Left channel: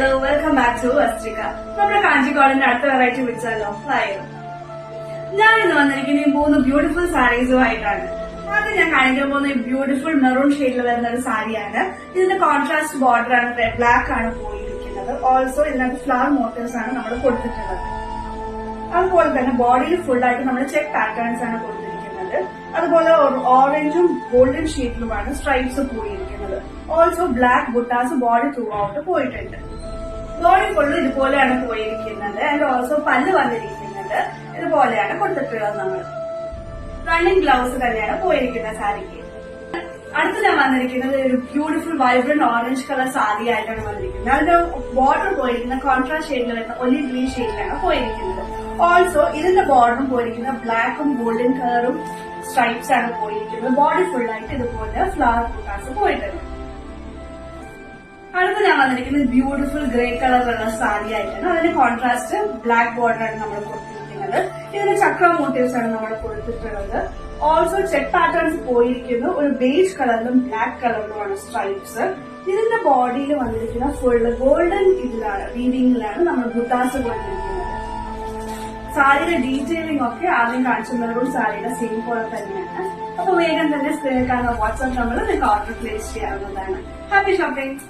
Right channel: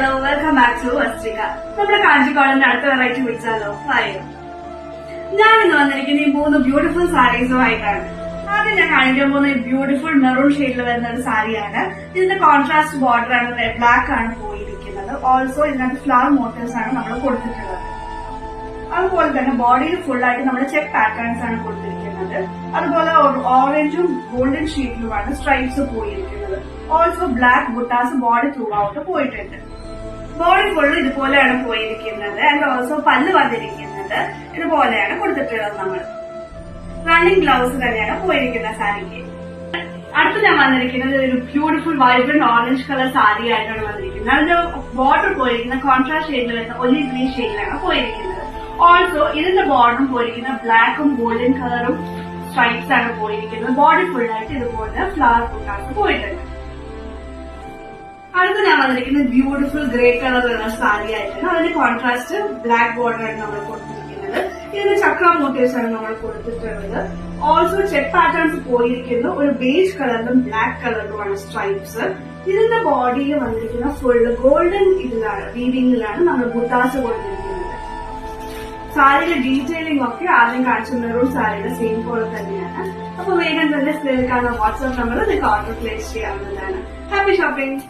Hello welcome back to Vasthrika. നമ്മുടെ കാഞ്ചിക്കോളിന്റെ അടുത്ത വെറൈറ്റി വിളിച്ചാലോ ആയോ? ഞാനിന്ന് വന്നിരിക്കുന്ന ഈ 3 ബ്യൂട്ടിഫുൾ സാരീസുമായിട്ടാണ്. ആദ്യം ഞാൻ കാണിക്കാൻ പോകുന്ന ഈ ബ്യൂട്ടിഫുൾ മെറൂൺ ഷെയ്ഡിൽ വരുന്ന ഒരു സാരിയാണ്. ഇതിന്റെ കോൺട്രാസ്റ്റ് ബോർഡർ ആണ്, ബ്ലാക്ക് ആണ് പോയിരിക്കുന്നത്. ഓൾസോ ഇതിനകത്ത് ഫ്ലവർ മോട്ടീവ്സ് ആണ് നമ്മൾ കൊടുത്തിട്ടുള്ളത്. അതുപോലെ തന്നെ ബോഡിയിൽ ഫുൾ ആയിട്ട് നമ്മൾ ചെക്ക് പാറ്റേൺസ് ആണ് കൊടുത്തിരിക്കുന്നത്. അതുപോലെ ഓറഞ്ചും ഗോൾഡൻ ഷെയ്ഡിലുമാണ് സ്ട്രൈപ്സ് പോയിരിക്കുന്നത്. Also black buttas body through out പോയിട്ടുണ്ട്. ബോഡി ഫുള്ള് ഇതുപോലെയാണ് പോയിരിക്കുന്നത്. ആൻഡ് ഓൾസോ പല്ല് വന്നിരിക്കുന്നത് ഇതുപോലെയാണ് കൊടുത്തിട്ടുള്ളത്. നമ്മൾ റണ്ണിങ് ബ്ലൗസ് തന്നെയാണ് പോയിരിക്കുന്ന സാരിക്ക്. അടുത്ത് ഞാൻ വന്നിരിക്കുന്നത് ഒരു beautiful vibrant orange colour sari ആയിട്ടാണ് വന്നിരിക്കുന്നത്. അതിന്റെ ബോർഡർ പോയിരിക്കുന്ന കോൺട്രാസ്റ്റ് ഷെയ്ഡിൽ വരുന്ന ഒലിവ് ഗ്രീൻ ഷെയ്ഡിലാണ് പോയിരിക്കുന്നത്. ഓൾസോ ഇതിന്റെ ബോർഡറും പോയിരിക്കുന്ന ബ്ലാക്കും ഗോൾഡൻ കളറും സ്ട്രൈപ്സ് ആണ് പോയിരിക്കുന്നത്. ബോഡി ഫുൾ ആയിട്ട് ഇതുപോലെ ഫ്ലവർ ബുട്ടാസ് പോയിട്ടുണ്ട്. അടുത്ത് ഞാൻ വന്നിരിക്കുന്നത് ബ്യൂട്ടിഫുൾ ഗ്രേ കളറുള്ള സാരി ആയിട്ടാണ്. അതിന്റെ കോൺട്രാസ്റ്റ് ബ്ലാക്ക് ബോർഡർ ആണ് നമ്മൾ കൊടുത്തിരിക്കുന്നത്. ഇതിന്റെ ചക്ര മോട്ടീവ്സ് ആണ് നമ്മൾ കൊടുത്തിട്ടുള്ളത്. ഓൾസോ ചെക്ക് പാറ്റേൺസ് പോയിരിക്കുന്നു. ഒരു ബേജ് കളറിലും ബ്ലാക്ക് കളറിലുമാണ് സ്ട്രൈപ്സ്. ഇതിന്റെ ബോഡിയിൽ വന്നിരിക്കുന്ന ഫുള്ള് ഗോൾഡൻ ഇതിലാണ്, വീവിംഗിലാണ് നമ്മൾ ബുട്ടാസ് കൊടുത്തിരിക്കുന്നത്. സാരിയുടെ ഡീറ്റെയിലിംഗ് ഒക്കെ ആദ്യം കാണിച്ച മെറൂൺ സാരിയുടെ സെയിം പോലെ തന്നെയാണ്. അപ്പൊ വേഗം തന്നെ സ്ക്രീനിൽ കാണുന്ന വാട്സ്ആപ്പ് നമ്പറിൽ നിങ്ങൾക്ക് ഓർഡർ പ്ലേസ് ചെയ്യാവുന്നതാണ്. Happy shopping.